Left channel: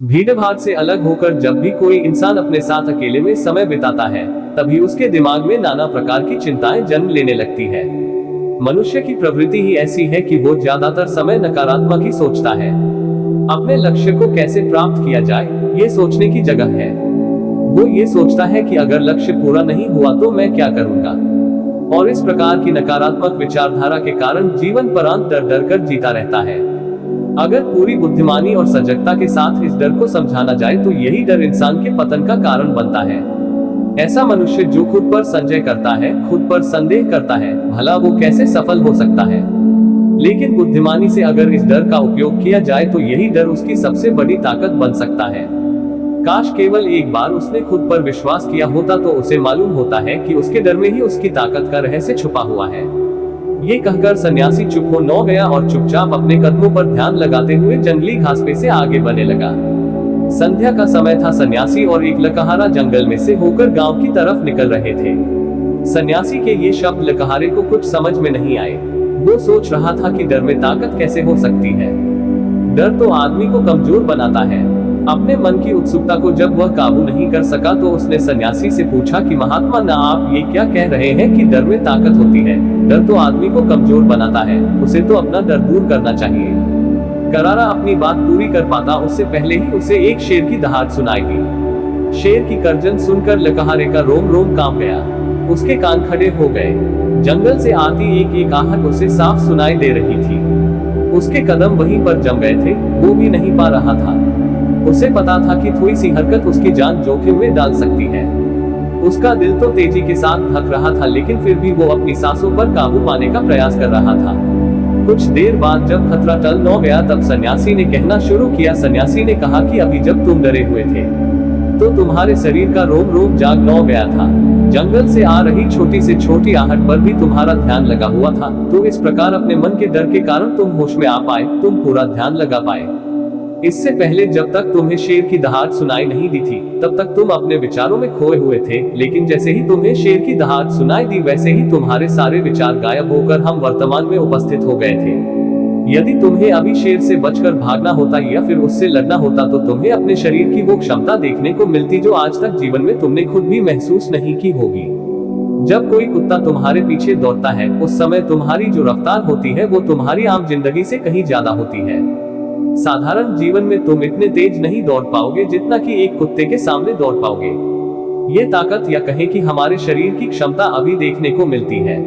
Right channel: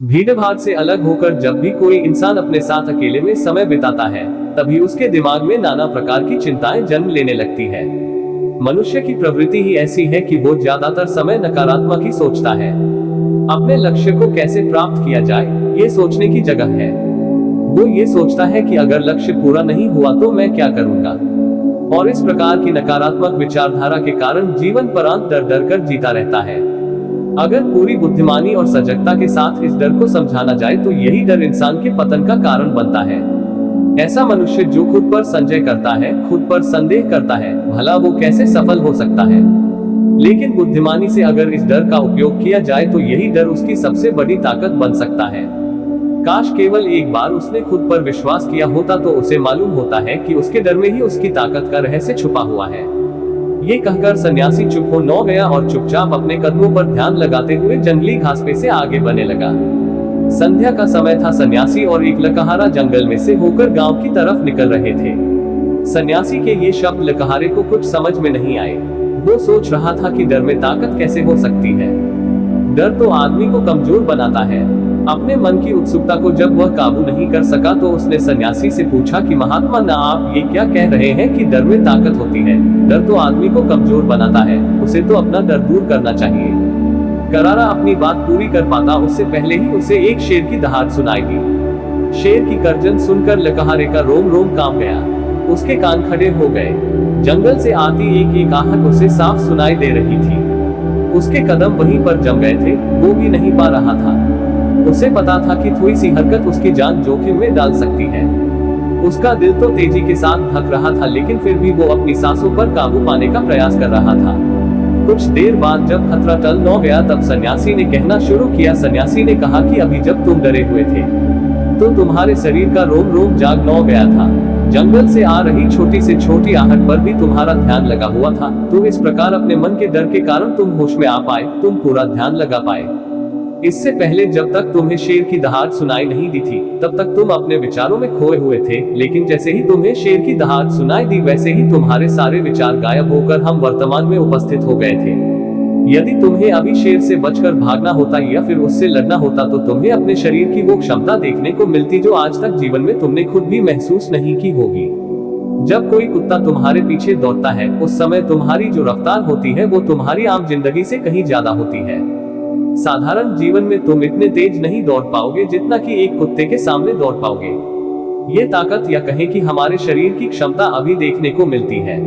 भीड़ भाड़ से अलग होकर जब भी कोई इंसान अपने साथ अकेले में समय बिताता है, तभी उसके दिमाग में नाना प्रकार की चिंताएं जन्म लेने लगती है। मनुष्य की प्रवृत्ति ही ऐसी है कि वो ज्यादातर समय नकारात्मक ही सोचता है। अपने लक्ष्य को कैसे प्राप्त किया जाए, ये सोचने की जगह है। वो ये सोचता है कि अगर लक्ष्य पूरा नहीं हुआ तो मैं क्या करूंगा, और इस प्रकार की नकारात्मक विचारधारा के कारण जीवन परांत डर डर कर जीता रहता है। अगर पूरी बुद्धिमानी और सजगता के साथ इस डर को समझाना जाए तो यही डर इंसान के पतन का कारण बनता है। ऐसा मनुष्य जो खुद पर संशय करता है, खुद पर संदेह करता है, भला वो कैसे सफल हो सकता है। लेकिन बुद्धिमानी से अगर इस डर का उपयोग किया जाए तो यही डर उसकी सबसे बड़ी ताकत बन सकता है। काश केवल एक बार उसने खुद पर विश्वास किया होता तो उसे मालूम होता है कि उसके डर में ही उसकी ताकत का रहस्य छुपा हुआ है। ये कहकर सन्यासी चुप हो न गया और चुपचाप अपने कदमों पर ध्यान लगाते हुए जंगली घास पे से आगे बढ़ने लगा। संध्या का समय था। सन्यासी और एक लकहारा जंगल में से होकर गांव की तरफ निकल रहे थे। सन्यासी के ये शब्द लकहारे को कुछ समझ में नहीं आए। वो सोच रहा था कि डर में ताकत कैसे हो सकती है। डर तो आदमी को कमजोर बनाता है। अपने मन की उत्सुकता को जब वह काबू नहीं कर सका तो उसने सन्यासी से पूछा कि महात्मा ना, आप ये क्या कह रहे हैं कि डर में ताकत होती है? डर तो आदमी को कमजोर बनाता है, उसे तो अपना डर दूर करना चाहिए। करारा अपनी बात पूरी कर पाता उससे पहले ही उसे एक शेर की दहाड़ सुनाई दी। शेर की गर्जन सुनकर लकहारे का रोम रोम कांप गया। उसके कान खड़े हो गए। जंगल से आती एक एक आहट उसे साफ सुनाई दे रही थी। उसके कदम वहीं पर जम गए थे, वो भी नहीं पा रहा था। उसे पता था कि थोड़ी सी हरकत उसकी जान जोखिम में डाल सकती है। उसका दिल तो तेजी के साथ धड़क रहा था, लेकिन फिर भी वो अपनी सांसों पर काबू पाने का प्रयास कर रहा था। कुछ देर बाद जब खतरा टल न गया तब सन्यासी ने कहना शुरू किया। सन्यासी ने कहा कि अभी जब तुम डरे हुए थे तो तुम्हारे शरीर का रोम रोम जाग न गया था। जंगल से आ रही छोटी से छोटी आहट पर भी तुम्हारा ध्यान लगा हुआ था। तो इस प्रकार अपने मन के डर के कारण तुम होश में आ पाए, तुम पूरा ध्यान लगा पाए। इससे पहले जब तक तुम्हें शेर की दहाड़ सुनाई नहीं दी थी तब तक तुम अपने विचारों में खोए हुए थे, लेकिन जैसे ही तुम्हें शेर की दहाड़ सुनाई दी वैसे ही तुम्हारे सारे विचार गायब होकर हम वर्तमान में उपस्थित हो गए थे। यदि तुम्हें अभी शेर से बचकर भागना होता या फिर उससे लड़ना होता तो तुम्हें अपने शरीर की वो क्षमता देखने को मिलती जो आज तक जीवन में तुमने खुद भी महसूस नहीं की होगी। जब कोई कुत्ता तुम्हारे पीछे दौड़ता है उस समय तुम्हारी जो रफ्तार होती है वो तुम्हारी आम जिंदगी से कहीं ज्यादा होती है। साधारण जीवन में तुम इतने तेज नहीं दौड़ पाओगे जितना कि एक कुत्ते के सामने दौड़ पाओगे। ये ताकत या कहें कि हमारे शरीर की क्षमता अभी देखने को मिलती है।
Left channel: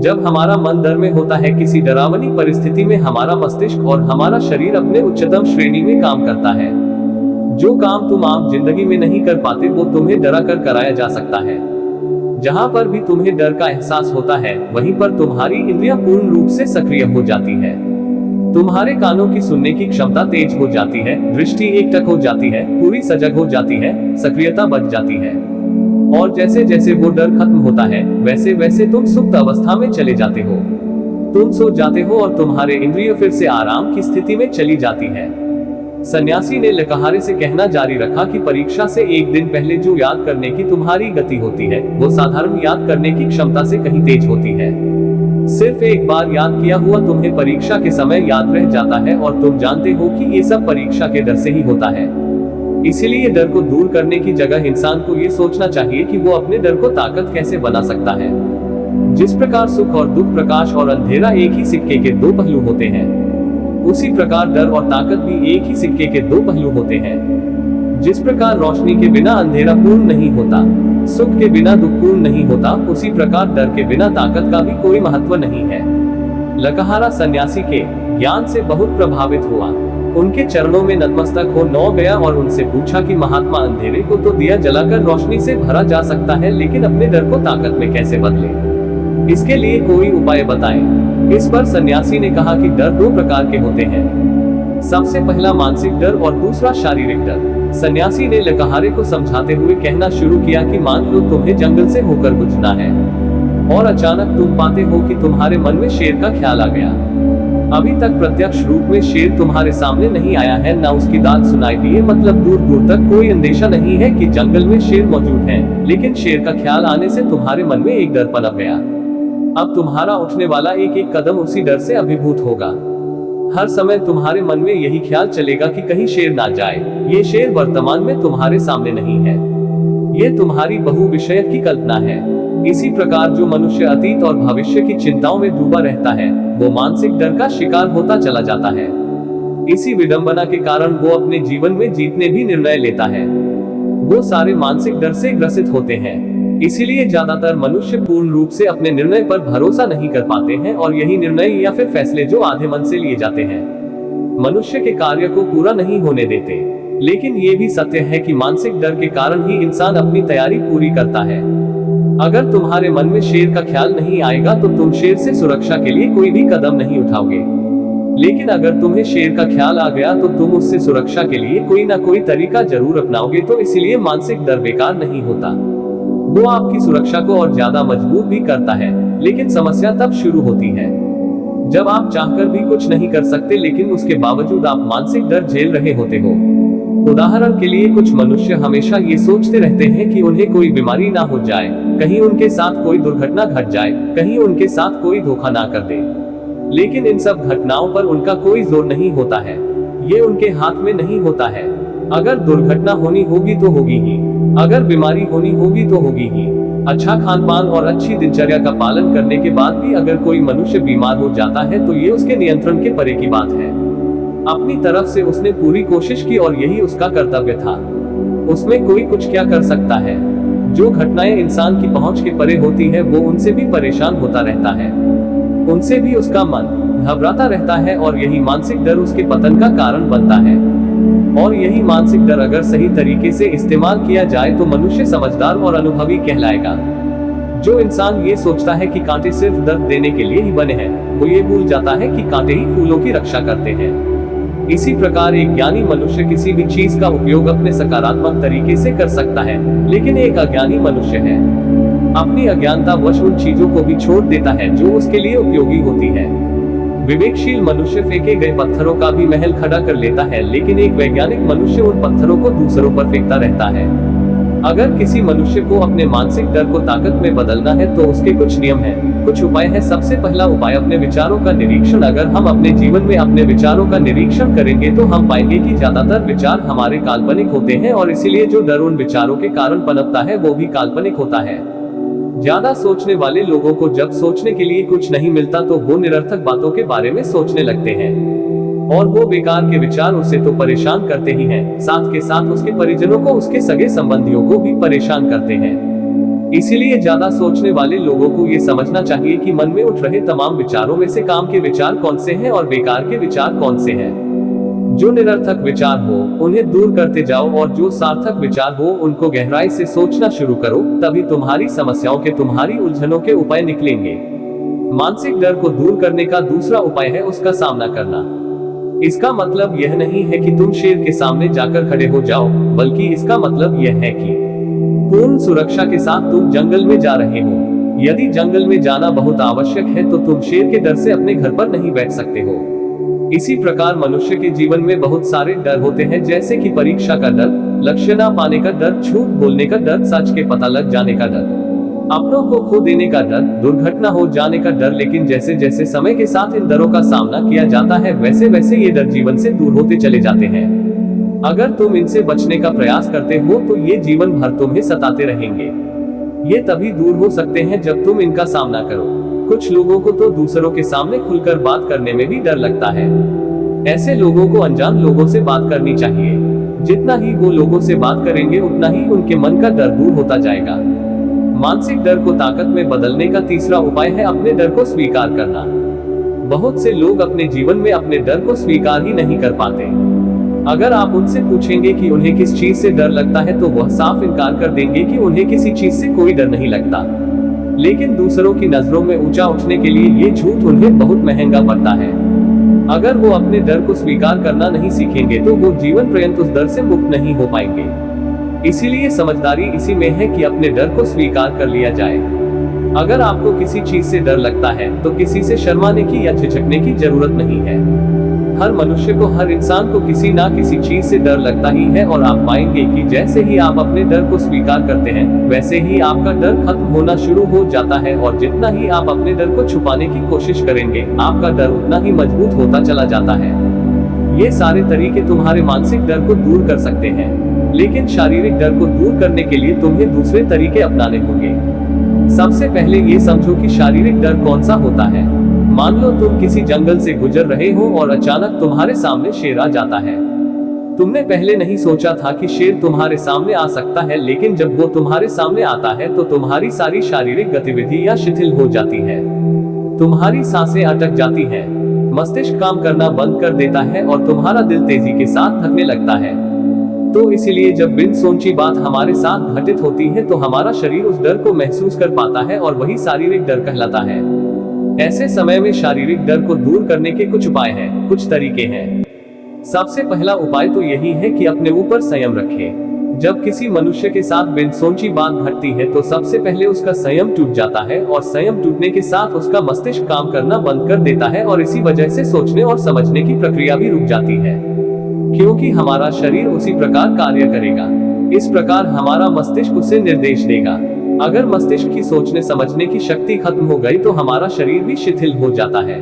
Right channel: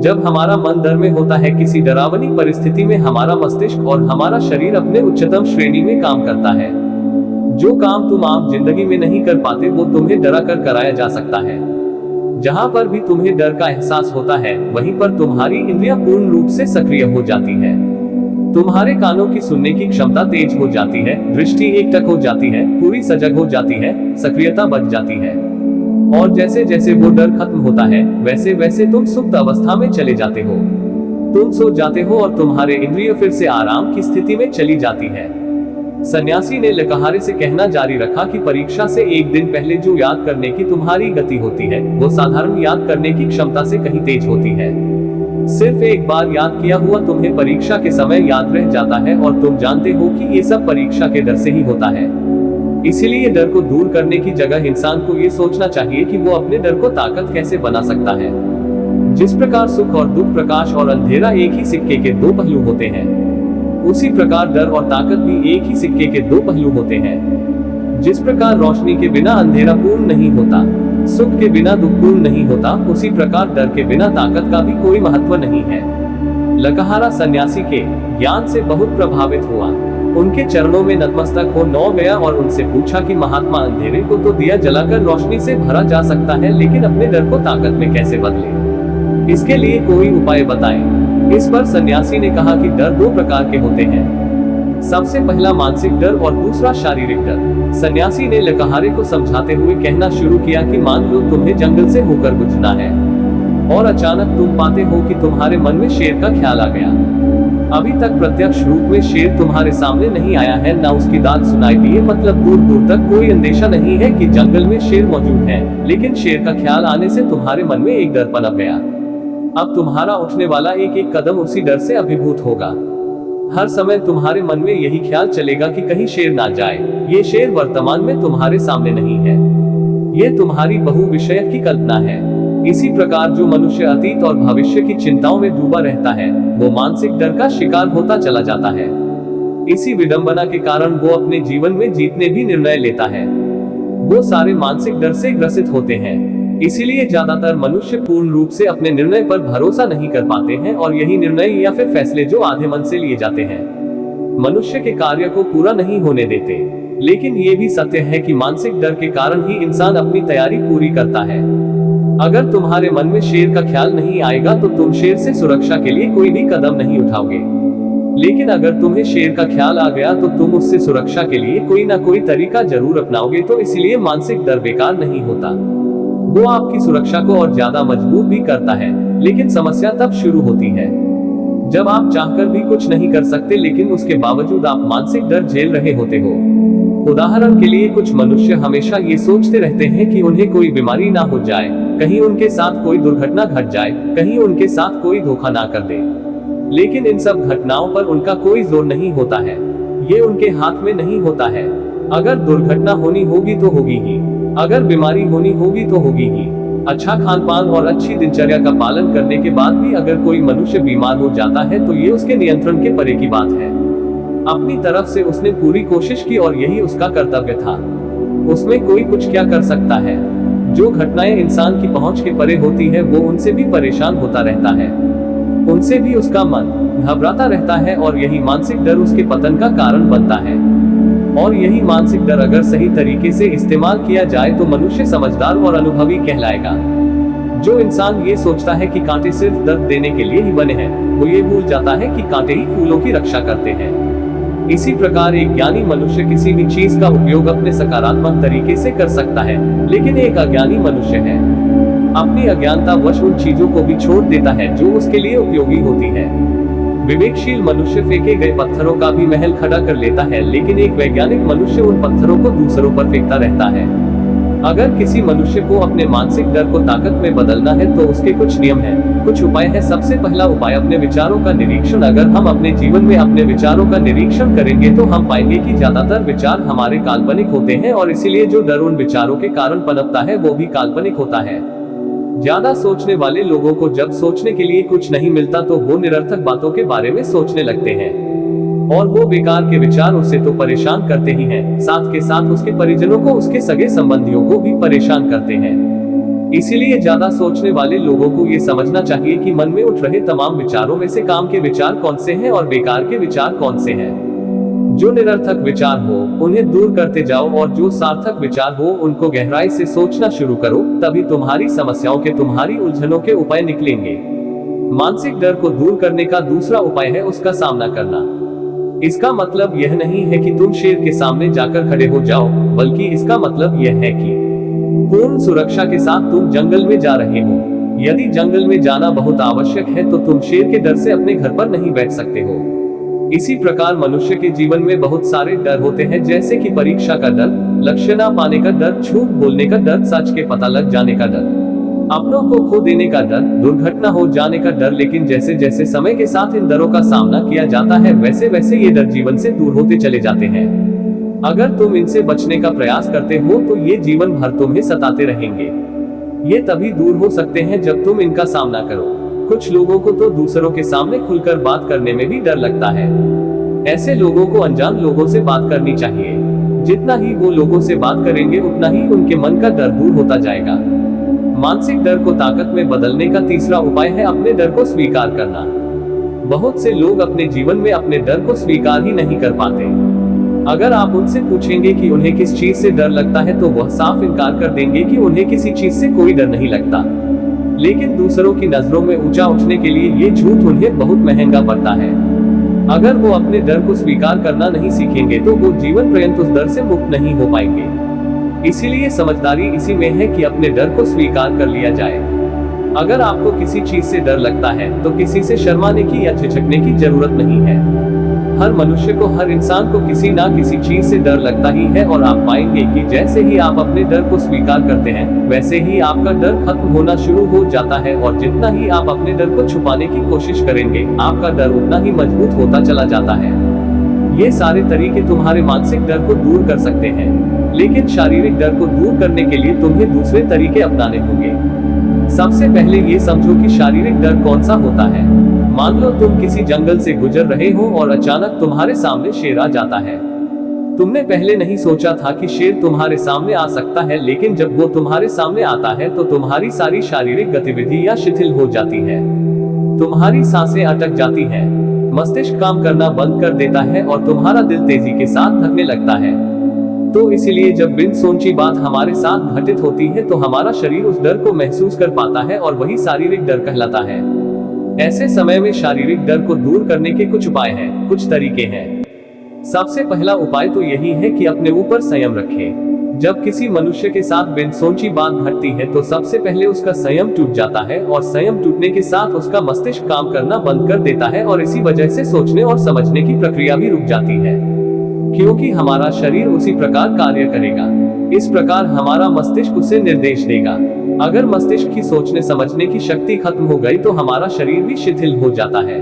जब हमारा मन डर में होता है, किसी डरावनी परिस्थिति में हमारा मस्तिष्क और हमारा शरीर अपने उच्चतम श्रेणी में काम करता है। जो काम तुम आम जिंदगी में नहीं कर पाते वो तुम्हें डरा कर कराया जा सकता है। जहां पर भी तुम्हें डर का एहसास होता है वहीं पर तुम्हारी इंद्रियां पूर्ण रूप से सक्रिय हो जाती है। तुम्हारे कानों की सुनने की क्षमता तेज हो जाती है, दृष्टि एकटक हो जाती है, पूरी सजग हो जाती है, सक्रियता बढ़ जाती है। और जैसे जैसे वो डर खत्म होता है वैसे वैसे तुम सुप्त अवस्था में चले जाते हो। तुम सो जाते हो और तुम्हारे इंद्रिय फिर से आराम की स्थिति में चली जाती है। सन्यासी ने लकहारे से कहना जारी रखा कि परीक्षा से एक दिन पहले जो याद करने की तुम्हारी गति होती है वो साधारण याद करने की क्षमता से कहीं तेज होती है। सिर्फ एक बार याद किया हुआ तुम्हें परीक्षा के समय याद रह जाता है और तुम जानते हो कि ये सब परीक्षा के डर से ही होता है। इसीलिए डर को दूर करने की जगह इंसान को ये सोचना चाहिए कि वो अपने डर को ताकत कैसे बना सकता है। जिस प्रकार सुख और दुख, प्रकाश और अंधेरा एक ही सिक्के के दो पहलू होते हैं, उसी प्रकार डर और ताकत भी एक ही सिक्के के दो पहलू होते हैं। जिस प्रकार रोशनी के बिना अंधेरा पूर्ण नहीं होता, सुख के बिना दुख पूर्ण नहीं होता, उसी प्रकार डर के बिना ताकत का भी कोई महत्व नहीं है। लकहारा सन्यासी के ज्ञान से बहुत प्रभावित हुआ। उनके चरणों में नतमस्तक हो न गया और उनसे पूछा कि महात्मा, अंधेरे को तो दिया जलाकर रोशनी से भरा जा सकता है, लेकिन अपने डर को ताकत में कैसे बदले? इसके लिए कोई उपाय बताएं। इस पर सन्यासी ने कहा कि डर दो प्रकार के होते हैं। सबसे पहला मानसिक डर और दूसरा शारीरिक डर। सन्यासी ने लकहारे को समझाते हुए कहना शुरू किया कि मान लो तुम्हें जंगल से होकर गुजरना है और अचानक तुम पाते हो कि तुम्हारे मन में शेर का ख्याल आ गया। अभी तक प्रत्यक्ष रूप में शेर तुम्हारे सामने नहीं आया है, ना उसकी दांत सुनाई दिए, मतलब दूर दूर तक कोई अंदेशा नहीं है कि जंगल में शेर मौजूद है, लेकिन शेर का ख्याल आने से तुम्हारे मन में एक डर पनप गया। अब तुम्हारा उठने वाला एक एक कदम उसी डर से अभिभूत होगा। हर समय तुम्हारे मन में यही ख्याल चलेगा कि कहीं शेर ना जाए। ये शेर वर्तमान में तुम्हारे सामने नहीं है, ये तुम्हारी बहुविषयक की कल्पना है। इसी प्रकार जो मनुष्य अतीत और भविष्य की चिंताओं में डूबा रहता है, वो मानसिक डर का शिकार होता चला जाता है। इसी विडंबना के कारण वो अपने जीवन में जीतने भी निर्णय लेता है। वो सारे मानसिक डर से ग्रसित होते हैं। इसीलिए ज्यादातर मनुष्य पूर्ण रूप से अपने निर्णय पर भरोसा नहीं कर पाते हैं, और यही निर्णय या फिर फैसले जो आधे मन से लिए जाते हैं, मनुष्य के कार्य को पूरा नहीं होने देते। लेकिन ये भी सत्य है कि मानसिक डर के कारण ही इंसान अपनी तैयारी पूरी करता है। अगर तुम्हारे मन में शेर का ख्याल नहीं आएगा तो तुम शेर से सुरक्षा के लिए कोई भी कदम नहीं उठाओगे। लेकिन अगर तुम्हें शेर का ख्याल आ गया तो तुम उससे सुरक्षा के लिए कोई ना कोई तरीका जरूर अपनाओगे। तो इसलिए मानसिक डर बेकार नहीं होता, वो आपकी सुरक्षा को और ज्यादा मजबूत भी करता है। लेकिन समस्या तब शुरू होती है जब आप चाहकर भी कुछ नहीं कर सकते, लेकिन उसके बावजूद आप मानसिक डर झेल रहे होते हो। उदाहरण के लिए कुछ मनुष्य हमेशा ये सोचते रहते हैं कि उन्हें कोई बीमारी ना हो जाए, कहीं उनके साथ कोई दुर्घटना घट जाए, कहीं उनके साथ कोई धोखा ना कर दे। लेकिन इन सब घटनाओं पर उनका कोई जोर नहीं होता है, ये उनके हाथ में नहीं होता है। अगर दुर्घटना होनी होगी तो होगी ही, अगर बीमारी होनी होगी तो होगी ही। अच्छा खान पान और अच्छी दिनचर्या का पालन करने के बाद भी अगर कोई मनुष्य बीमार हो जाता है तो ये उसके नियंत्रण के परे की बात है। अपनी तरफ से उसने पूरी कोशिश की और यही उसका कर्तव्य था। उसमें कोई कुछ क्या कर सकता है। जो घटनाएं इंसान की पहुंच के परे होती है वो उनसे भी परेशान होता रहता है, उनसे भी उसका मन घबराता रहता है, और यही मानसिक डर उसके पतन का कारण बनता है। और यही मानसिक डर अगर सही तरीके से इस्तेमाल किया जाए तो मनुष्य समझदार और अनुभवी कहलाएगा। जो इंसान ये सोचता है कि कांटे सिर्फ दर्द देने के लिए ही बने हैं, वो ये भूल जाता है कि कांटे ही फूलों की रक्षा करते हैं। इसी प्रकार एक ज्ञानी मनुष्य किसी भी चीज का उपयोग अपने सकारात्मक तरीके से कर सकता है, लेकिन एक अज्ञानी मनुष्य है अपनी अज्ञानता वश उन चीजों को भी छोड़ देता है जो उसके लिए उपयोगी होती है। विवेकशील मनुष्य फेंके गए पत्थरों का भी महल खड़ा कर लेता है, लेकिन एक वैज्ञानिक मनुष्य उन पत्थरों को दूसरों पर फेंकता रहता है। अगर किसी मनुष्य को अपने मानसिक डर को ताकत में बदलना है तो उसके कुछ नियम हैं, कुछ उपाय हैं। सबसे पहला उपाय अपने विचारों का निरीक्षण। अगर हम अपने जीवन में अपने विचारों का निरीक्षण करेंगे तो हम पाएंगे कि ज्यादातर विचार हमारे काल्पनिक होते हैं, और इसीलिए जो डर उन विचारों के कारण पनपता है वो भी काल्पनिक होता है। ज्यादा सोचने वाले लोगों को जब सोचने के लिए कुछ नहीं मिलता तो वो निरर्थक बातों के बारे में सोचने लगते हैं, और वो बेकार के विचार उसे तो परेशान करते ही हैं, साथ के साथ उसके परिजनों को, उसके सगे संबंधियों को भी परेशान करते हैं। इसीलिए ज्यादा सोचने वाले लोगों को ये समझना चाहिए कि मन में उठ रहे तमाम विचारों में से काम के विचार कौन से हैं और बेकार के विचार कौन से हैं। जो निरर्थक विचार हो उन्हें दूर करते जाओ, और जो सार्थक विचार हो उनको गहराई से सोचना शुरू करो, तभी तुम्हारी समस्याओं के, तुम्हारी उलझनों के उपाय निकलेंगे। मानसिक डर को दूर करने का दूसरा उपाय है उसका सामना करना। इसका मतलब यह नहीं है कि तुम शेर के सामने जाकर खड़े हो जाओ, बल्कि इसका मतलब यह है कि पूर्ण सुरक्षा के साथ तुम जंगल में जा रहे हो। यदि जंगल में जाना बहुत आवश्यक है तो तुम शेर के डर से अपने घर पर नहीं बैठ सकते हो। इसी प्रकार मनुष्य के जीवन में बहुत सारे डर होते हैं, जैसे कि परीक्षा का डर, लक्ष्य ना पाने का डर, झूठ बोलने का डर, सच के पता लग जाने का डर, अपनों को खो देने का डर, दुर्घटना हो जाने का डर। लेकिन जैसे जैसे समय के साथ इन डरों का सामना किया जाता है वैसे वैसे ये डर जीवन से दूर होते चले जाते हैं। अगर तुम इनसे बचने का प्रयास करते हो तो ये जीवन भर तुम्हें सताते रहेंगे। ये तभी दूर हो सकते हैं जब तुम इनका सामना करो। कुछ लोगों को तो दूसरों के सामने खुलकर बात करने में भी डर लगता है। ऐसे लोगों को अनजान लोगों से बात करनी चाहिए। जितना ही वो लोगों से बात करेंगे उतना ही उनके मन का डर दूर होता जाएगा। मानसिक डर को ताकत में बदलने का तीसरा उपाय है अपने डर को स्वीकार करना। बहुत से लोग अपने जीवन में अपने डर को स्वीकार ही नहीं कर पाते। अगर आप उनसे पूछेंगे कि उन्हें किस चीज से डर लगता है तो वह साफ इनकार कर देंगे कि उन्हें किसी चीज से कोई डर नहीं लगता। लेकिन दूसरों की नजरों में ऊंचा उठने के लिए ये झूठ उन्हें बहुत महंगा पड़ता है। अगर वो अपने डर को स्वीकार करना नहीं सीखेंगे तो वो जीवन पर्यंत उस डर से मुक्त नहीं हो पाएंगे। इसीलिए समझदारी इसी में है कि अपने डर को स्वीकार कर लिया जाए। अगर आपको किसी चीज से डर लगता है तो किसी से शर्माने की या झिझकने की जरूरत नहीं है। हर मनुष्य को, हर इंसान को किसी ना किसी चीज से डर लगता ही है, और आप पाएंगे कि जैसे ही आप अपने डर को स्वीकार करते हैं, वैसे ही आपका डर खत्म होना शुरू हो जाता है, और जितना ही आप अपने डर को छुपाने की कोशिश करेंगे, आपका डर उतना ही मजबूत होता चला जाता है। ये सारे तरीके तुम्हारे मानसिक डर को दूर कर सकते हैं, लेकिन शारीरिक डर को दूर करने के लिए तुम्हें दूसरे तरीके अपनाने होंगे। सबसे पहले ये समझो कि शारीरिक डर कौन सा होता है। मान लो तुम किसी जंगल से गुजर रहे हो और अचानक तुम्हारे सामने शेर आ जाता है। तुमने पहले नहीं सोचा था कि शेर तुम्हारे सामने आ सकता है, लेकिन जब वो तुम्हारे सामने आता है तो तुम्हारी सारी शारीरिक गतिविधियां शिथिल हो जाती है। तुम्हारी सांसें अटक जाती हैं, मस्तिष्क काम करना बंद कर देता है और तुम्हारा दिल तेजी के साथ धड़कने लगता है। तो इसीलिए जब बिन सोची बात हमारे साथ घटित होती है तो हमारा शरीर उस डर को महसूस कर पाता है, और वही शारीरिक डर कहलाता है। ऐसे समय में शारीरिक डर को दूर करने के कुछ उपाय हैं, कुछ तरीके हैं। सबसे पहला उपाय तो यही है कि अपने ऊपर संयम रखें। जब किसी मनुष्य के साथ बिन सोची बात घटती है तो सबसे पहले उसका संयम टूट जाता है, और संयम टूटने के साथ उसका मस्तिष्क काम करना बंद कर देता है, और इसी वजह से सोचने और समझने की प्रक्रिया भी रुक जाती है, क्योंकि हमारा शरीर उसी प्रकार कार्य करेगा। इस प्रकार हमारा मस्तिष्क उसे निर्देश देगा। अगर मस्तिष्क की सोचने समझने की शक्ति खत्म हो गई तो हमारा शरीर भी शिथिल हो जाता है।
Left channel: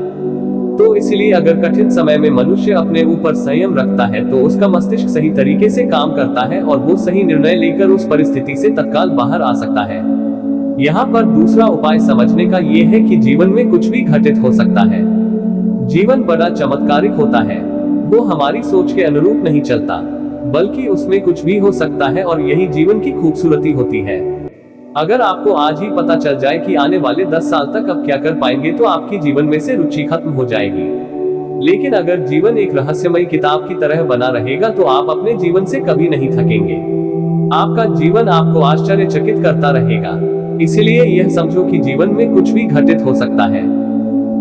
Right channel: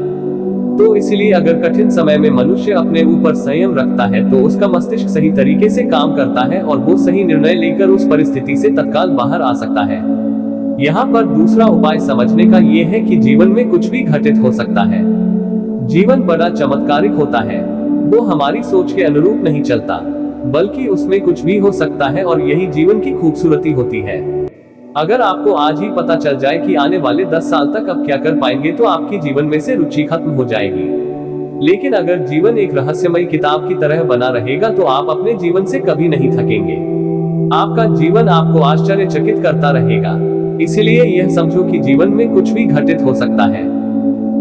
तो इसलिए अगर कठिन समय में मनुष्य अपने ऊपर संयम रखता है तो उसका मस्तिष्क सही तरीके से काम करता है, और वो सही निर्णय लेकर उस परिस्थिति से तत्काल बाहर आ सकता है। यहाँ पर दूसरा उपाय समझने का ये है कि जीवन में कुछ भी घटित हो सकता है। जीवन बड़ा चमत्कारिक होता है, वो हमारी सोच के अनुरूप नहीं चलता, बल्कि उसमें कुछ भी हो सकता है, और यही जीवन की खूबसूरती होती है। अगर आपको आज ही पता चल जाए कि आने वाले 10 साल तक आप क्या कर पाएंगे तो आपकी जीवन में से रुचि खत्म हो जाएगी। लेकिन अगर जीवन एक रहस्यमय किताब की तरह बना रहेगा तो आप अपने जीवन से कभी नहीं थकेंगे। आपका जीवन आपको आश्चर्यचकित करता रहेगा। इसलिए यह समझो कि जीवन में कुछ भी घटित हो सकता है,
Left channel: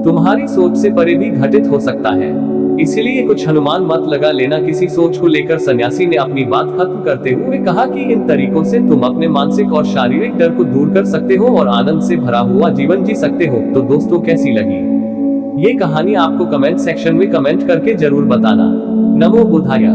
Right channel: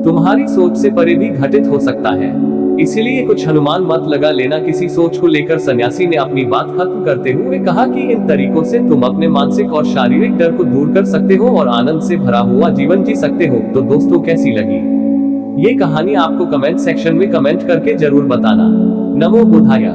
तुम्हारी सोच से परे भी घटित हो सकता है। इसीलिए कुछ अनुमान मत लगा लेना। किसी सोच को लेकर सन्यासी ने अपनी बात खत्म करते हुए कहा कि इन तरीकों से तुम अपने मानसिक और शारीरिक डर को दूर कर सकते हो और आनंद से भरा हुआ जीवन जी सकते हो। तो दोस्तों, कैसी लगी ये कहानी आपको कमेंट सेक्शन में कमेंट करके जरूर बताना। नमो बुद्धाय।